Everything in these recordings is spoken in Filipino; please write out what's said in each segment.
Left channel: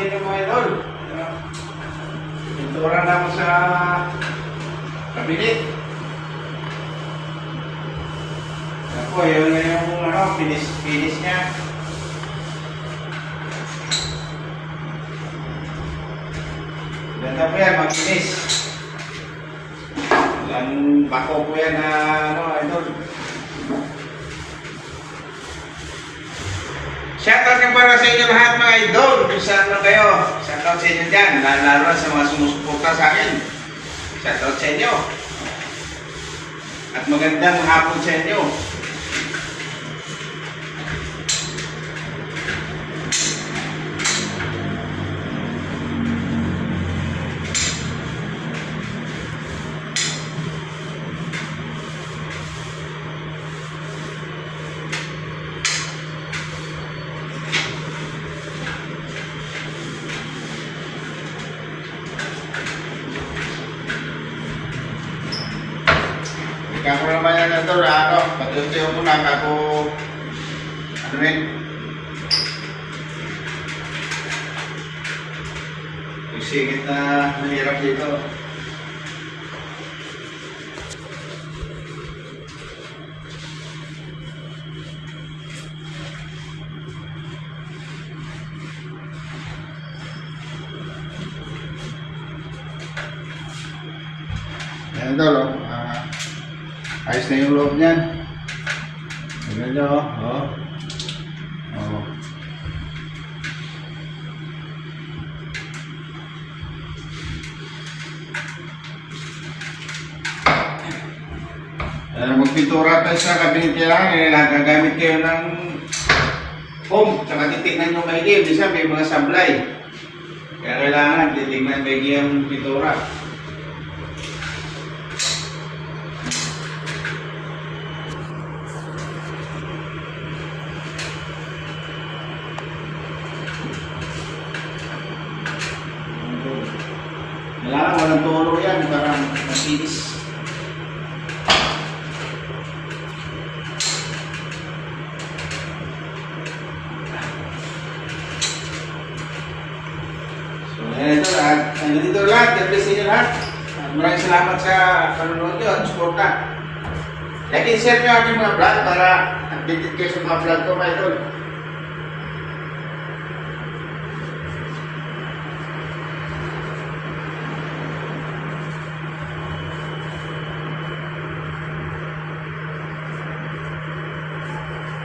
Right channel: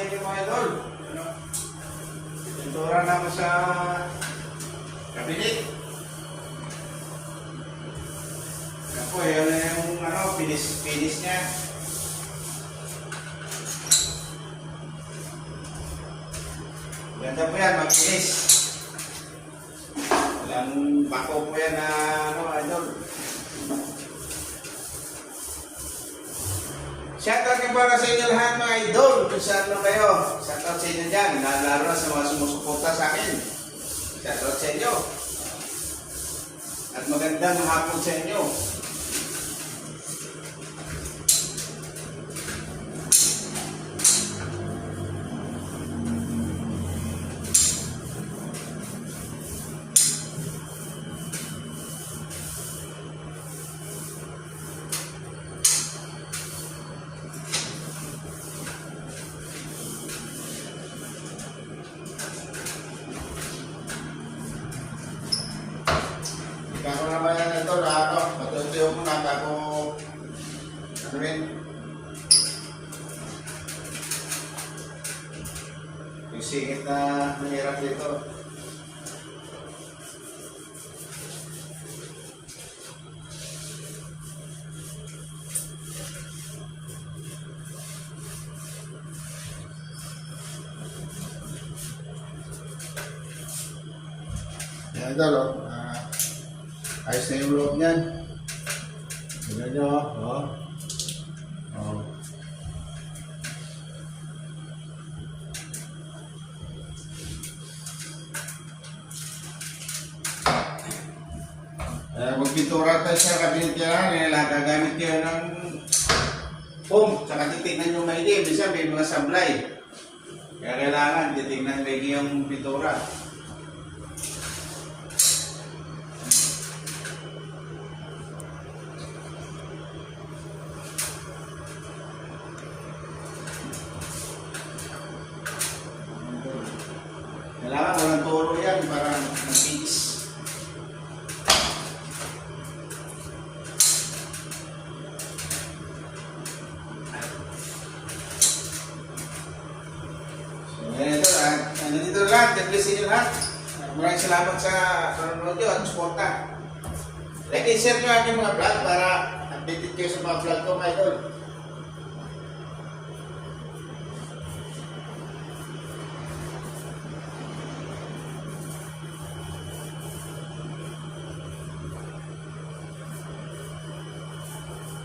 sa inyo mga idol. Pintura na ako sa kabinet. Ako, yun yung finish niya. Ganda po yan, mag-finish. Ang bako po yan na idol. Shoutout yung para sa inyo lahat mga idol. Kung saan kayo, shoutout sa inyo dyan. Lalo na sa mga sumusuporta sa akin. Shoutout sa inyo. At magandang hapon sa inyo. Kamu naman yan ito, patutuyo mo na ako, yung singit na mahirap dito. Yan ito, ayos na yung loob niyan. Tignan nyo, oh. Magpintura tayo sa kabinet kaya nagagamit kayo ng foam. Tsaka titignan nyo maigi. Bisa may mga sablay. Kaya kailangan titignan maigi ang pintura. Kailangan walang toro yan para masinis. So yan ito, hanggang dito lahat. God bless inyo lahat. Maraming salamat sa panonood nyo at suporta. Like and share nyo aking mga vlog para updated kayo sa mga vlog ko mga idol.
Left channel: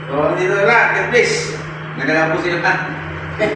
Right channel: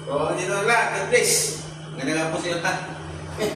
So, dito na lang. God bless. Nagalaw po sila.